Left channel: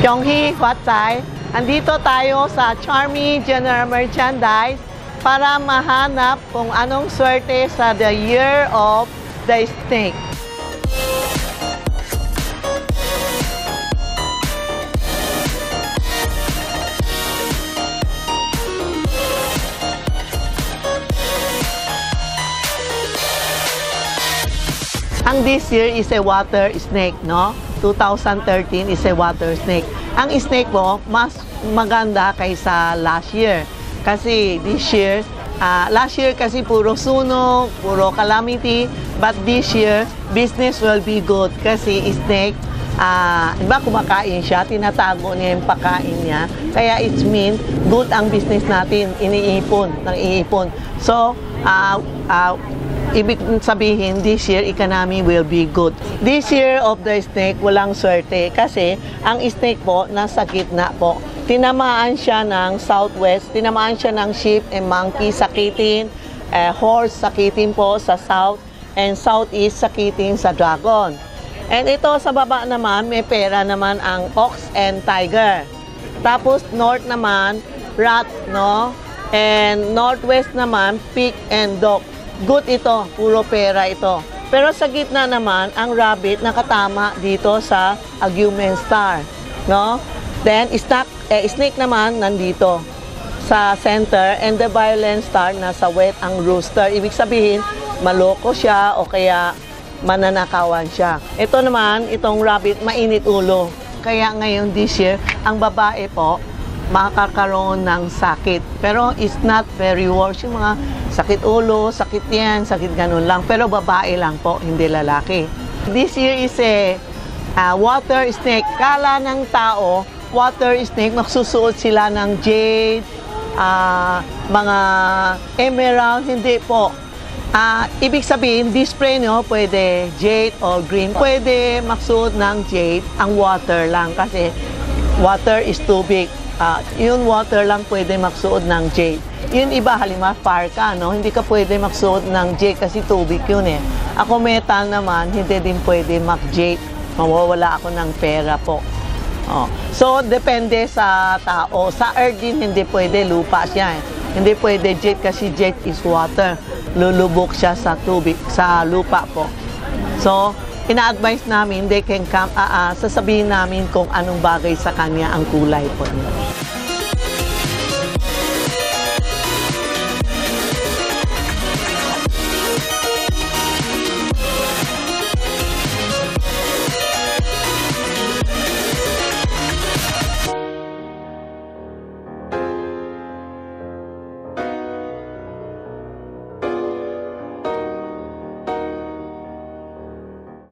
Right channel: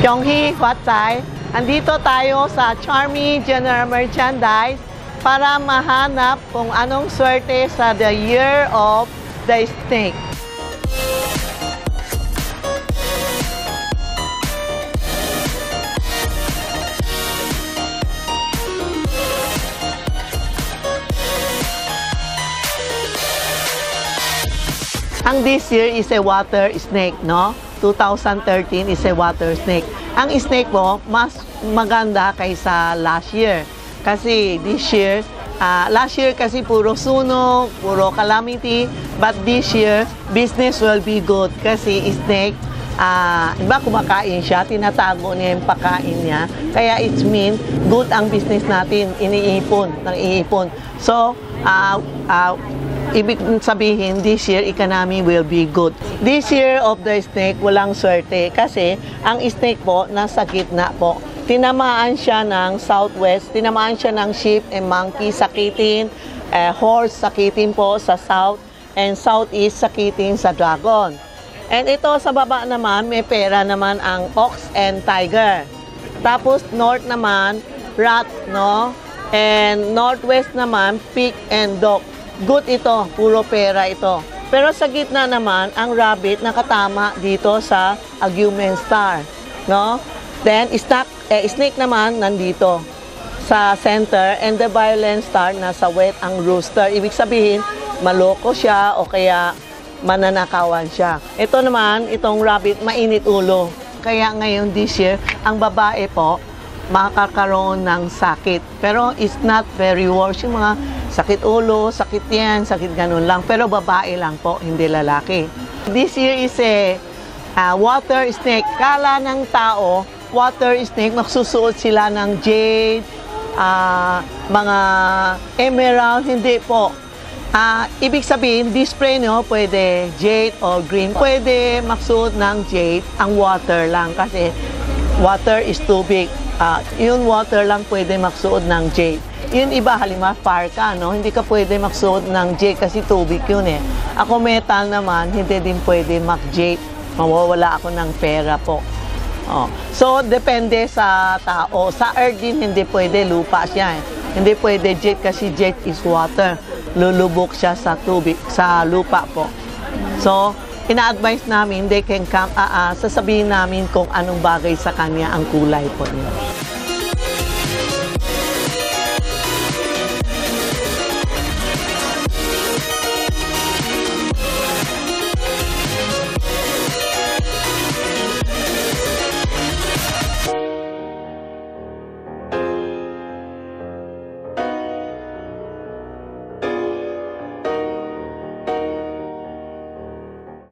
Kyunghi, Huatsai. Andito tayo sa Charmy General Merchandise para mahanap kung anong swerte sa The Year of the Snake. Ang this year is a water snake, no? 2013 is a water snake. Ang snake mo, mas maganda kaysa last year. Kasi this year, last year kasi puro sunog, puro calamity. But this year, business will be good. Kasi snake, iba kumakain siya, tinatago niya yung pakain niya. Kaya it means good ang business natin, iniipon. So, ibig sabihin, this year, economy will be good. This year of the snake, walang swerte kasi ang snake po, nasa gitna po. Tinamaan siya ng southwest, tinamaan siya ng sheep and monkey, sakitin, horse, sakitin po sa south, and southeast, sakitin sa dragon. And ito sa baba naman, may pera naman ang ox and tiger. Tapos north naman, rat, no? And northwest naman, pig and dog. Good ito, puro pera ito. Pero sa gitna naman, ang rabbit nakatama dito sa Agumen Star, no? Then snake naman nandito sa center, and the violent star nasa wet ang rooster. Ibig sabihin, maloko siya o kaya mananakawan siya. Ito naman, itong rabbit, mainit ulo. Kaya ngayon this year, ang babae po, makakaroon ng sakit. Pero it's not very worse. Yung mga sakit ulo, sakit yan, sakit ganun lang. Pero babae lang po, hindi lalaki. This year is a water snake. Kala ng tao, water snake, magsusuot sila ng jade, mga emerald, hindi po. Ibig sabihin, display nyo, pwede jade or green. Pwede magsuot ng jade, ang water lang kasi water is tubig. Yung water lang pwede magsuot ng jade. Yung iba, halimbawa, parka, no? Hindi ka pwede magsuot ng jade kasi tubig yun eh. Ako metal naman, hindi din pwede mag-jade. Mawawala ako ng pera po. So, depende sa tao. Sa earth din, hindi pwede, lupa siya eh. Hindi pwede jade kasi jade is water. Lulubog siya sa tubig, sa lupa po. So, ina-advise namin, they can come, sasabihin namin kung anong bagay sa kanya ang kulay po nila.